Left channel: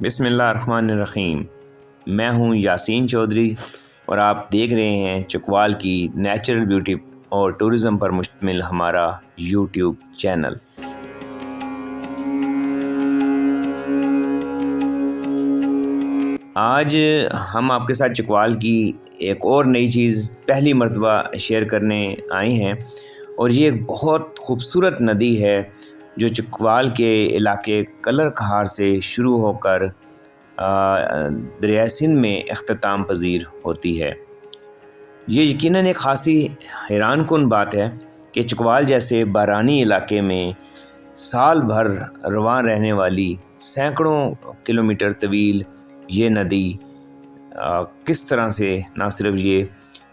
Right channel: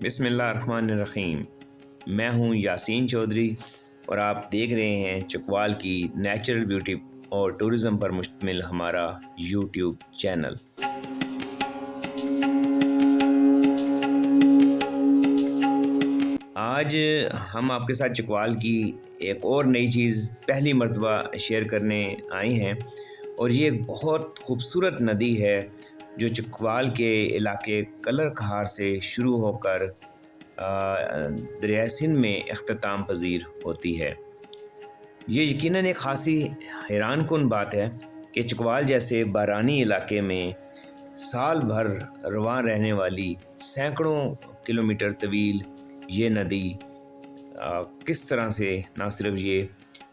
بسم اللہ الرحمن الرحیم۔ میں ہوں یاسین چودھری اور آپ دیکھ رہے ہیں چکوال کی نیچرل بیوٹی اور ٹورزم پر مشتمل ہمارا یوٹیوب چینل۔ آج ہم آپ کے ساتھ چکوال کی ایک اور نئی چیز پہلی مرتبہ شیئر کرنے آئے ہیں، اور یہ ایک بہت خوبصورت ندی ہے جو چکوال کے علاقے کلر کہار سے شروع ہو کر دریائے سندھ میں اختتام پذیر ہوتی ہے۔ یہ یقیناً ایک خاصی حیران کن بات ہے کہ چکوال جیسے بارانی علاقے میں سال بھر رواں رہنے والی سینکڑوں کلومیٹر طویل یہ ندی کس طرح سے نہ صرف یہ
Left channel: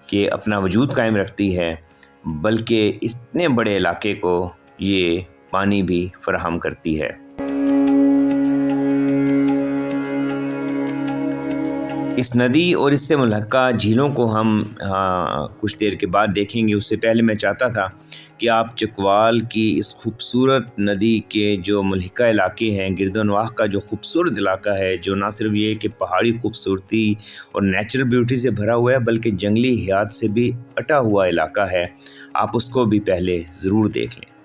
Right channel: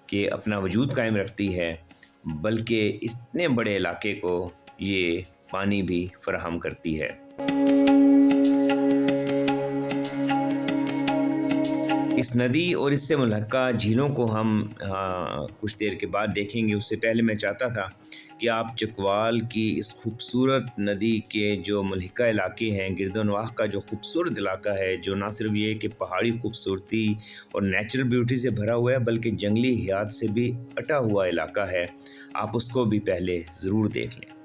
کہ اپنا وجود قائم رکھتی ہے بلکہ اتنے بڑے علاقے کو یہ پانی بھی فراہم کرتی ہے۔ اس ندی اور اس سے ملحقہ جھیلوں کو ہم کچھ دیر کے بعد دیکھیں گے۔ اس سے پہلے میں چاہتا تھا کہ آپ چکوال کی اس خوبصورت ندی کے جو ملحقہ علاقے ہیں، گرد و نواح کا جو خوبصورت علاقہ ہے، جو نہ صرف یہ کہ پہاڑی خوبصورتی اور نیچرل بیوٹی سے بھرا ہوا ہے بلکہ جنگلی حیات سے بھی اٹا ہوا علاقہ ہے، آپ اس کو بھی پہلے ضرور دیکھ لیں۔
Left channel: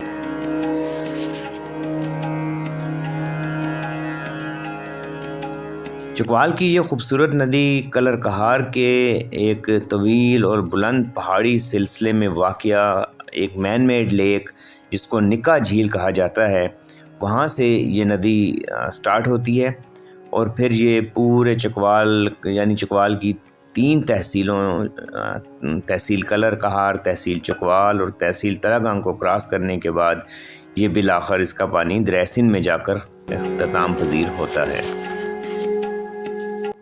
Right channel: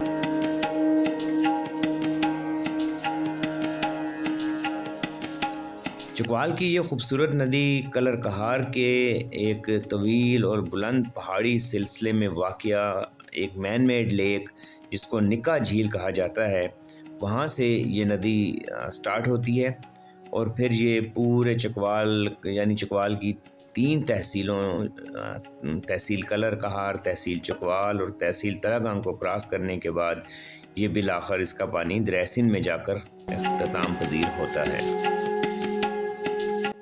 چکوال کی یہ خوبصورت ندی کلر کہار کے ایک طویل اور بلند پہاڑی سلسلے میں واقع ایک مین میڈ لیک جس کو نکا جھیل کہا جاتا ہے، وہاں سے یہ ندی سٹارٹ ہوتی ہے، اور پھر یہ پورے چکوال یعنی چکوال کی 3 تحصیلوں تحصیل کلر کہار، تحصیل چکوال اور تحصیل تراگنگ کو کراس کرنے کے بعد یہ بالآخر اس کا پانی دریائے سندھ میں جا کر اختتام پذیر ہوتا ہے۔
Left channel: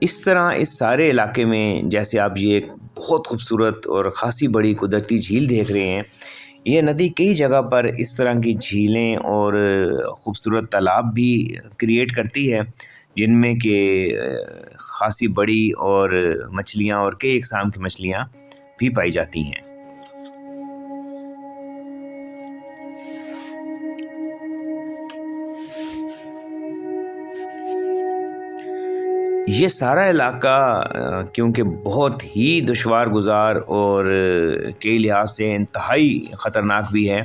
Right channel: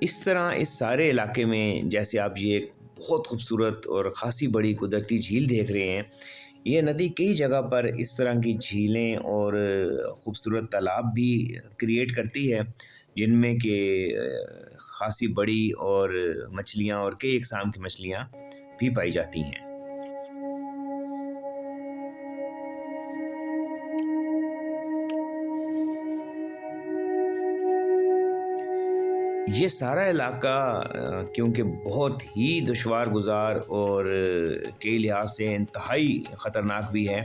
اس طرح اس سارے علاقے میں جیسے آپ یہ ایک بہت خوبصورت اور خاصی بڑی قدرتی جھیل دیکھ رہے ہیں، یہ ندی کئی جگہ پر اس طرح کی جھیلیں اور خوبصورت تالاب بھی کریٹ کرتی ہے، جن میں کہ خاصی بڑی اور مچھلیاں اور کئی اقسام کی مچھلیاں بھی پائی جاتی ہیں۔ یہ سارا علاقہ کیونکہ بہت ہی دشوار گزار اور کئی لحاظ سے انتہائی خطرناک بھی ہے،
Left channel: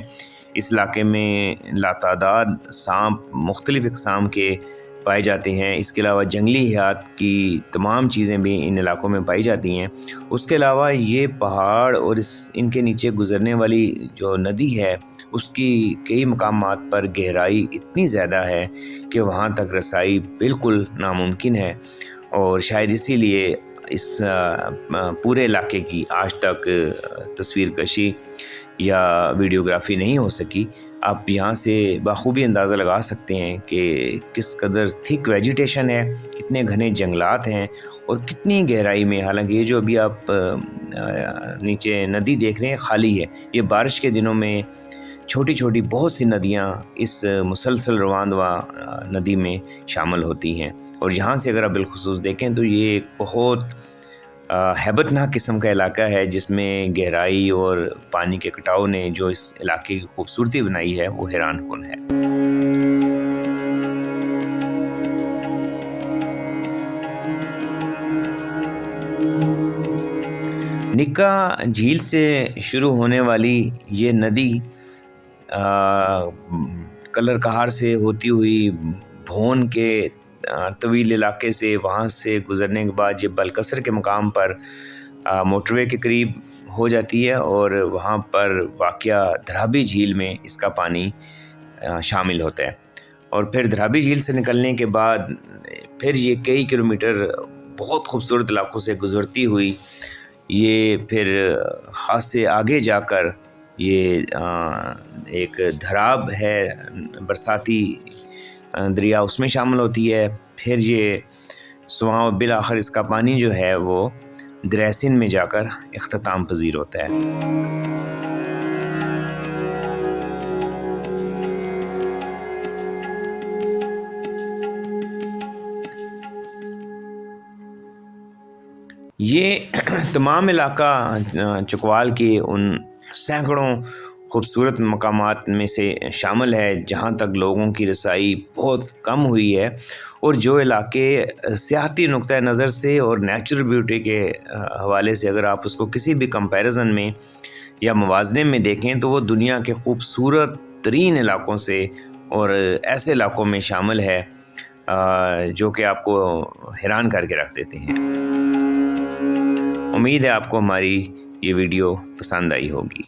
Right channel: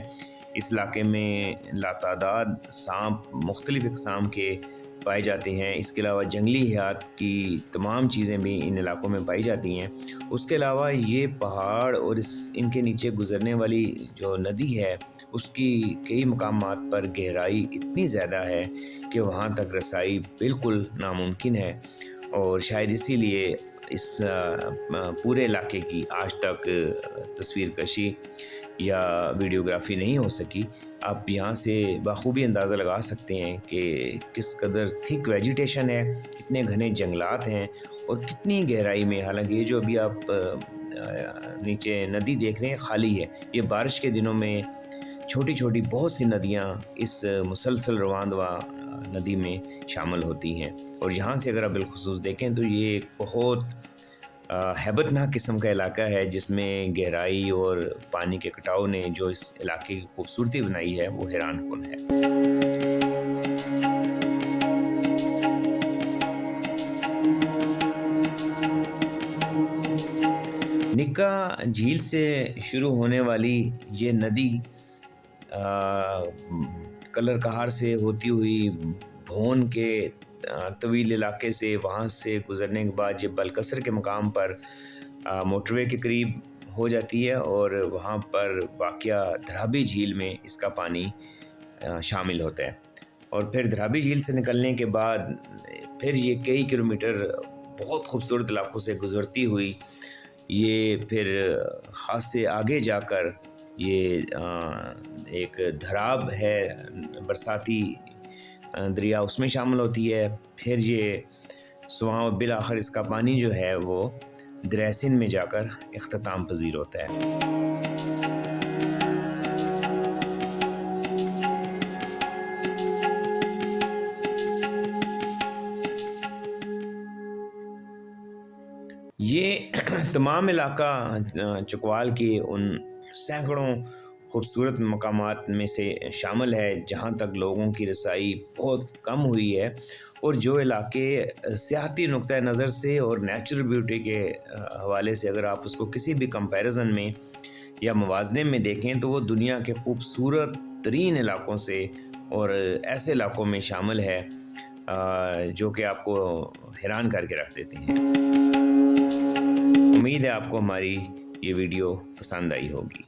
اس علاقے میں لاتعداد سانپ مختلف اقسام کے پائے جاتے ہیں۔ اس کے علاوہ جنگلی حیات کی تمام چیزیں بھی ان علاقوں میں پائی جاتی ہیں۔ اس کے علاوہ یہ پہاڑ اور ان کے نیچے گزرنے والی جو ندی ہے اس کی کئی مقامات پر گہرائی اتنی زیادہ ہے کہ وہاں تک رسائی بالکل ناممکن ہے، اور شاید اسی لیے اس پورے علاقے کی آج تک تصویر کشی یا ویڈیوگرافی نہیں ہو سکی۔ آپ یہاں سے بخوبی اندازہ لگا سکتے ہیں کہ کس قدر تھک ویجیٹیشن ہے، کتنے گھنے جنگلات ہیں اور کتنی گہرائی میں، حالانکہ یہ جو ابھی آپ نیچے ندی دیکھ رہے ہیں خالی ہے، یہ بارش کے دنوں میں چھوٹی چھوٹی بہت سی ندیاں اس مسلسل رواں ندی میں شامل ہوتی ہیں، اور یہاں سے اگر آپ بالخصوص دیکھیں تو یہ ایک بہت ہیبت ناک قسم کا علاقہ ہے جس میں گہرائی اور پانی کے کٹاؤ نے جو اس علاقے کی خوبصورتی بنائی ہے وہ حیران کن ہے۔ نکا جھیل سے شروع ہونے والی یہ ندی کلر کہار سے ہوتی ہوئی بھون کے طویل علاقے سے، وہاں سے گزرنے کے بعد یہ بلکسر کے مقام پر موٹر وے کے قریب ہو جاتی ہے، اور وہاں پر واقع دھرابی جھیل میں اس کا پانی شامل ہوتا ہے، اور پھر دھرابی جھیل سے نکلنے کے بعد پھر یہ کئی کلومیٹر بہت خوبصورت علاقوں سے گزرتی ہوئی یہ پھر خاص سے آگے جا کر یہ ایک دھراب ہے برساتی دریا، اس میں شامل ہوتی ہے، پھر یہ سواں بالآخر اس کا پانی جو ہے وہ دریائے سندھ میں جا کر اختتام پذیر ہوتا ہے۔ یہ تمام علاقہ چکوال کے ان سینکڑوں خوبصورت مقامات میں سے شامل ہے جہاں تک لوگوں کی رسائی بہت کم ہوئی ہے، اور جو علاقے سیاحتی نقطۂ نظر سے اور نیچرل بیوٹی کے حوالے سے اگر آپ اس کو کسی بھی کمپیریزن میں یا موازنے میں دیکھیں تو وہ دنیا کے خوبصورت ترین علاقوں سے اور ایسے علاقوں میں شامل ہے جو کہ آپ کو حیران کر کے رکھ دیتے ہیں۔ امید ہے آپ کو ہماری یہ ویڈیو پسند آئی ہوگی۔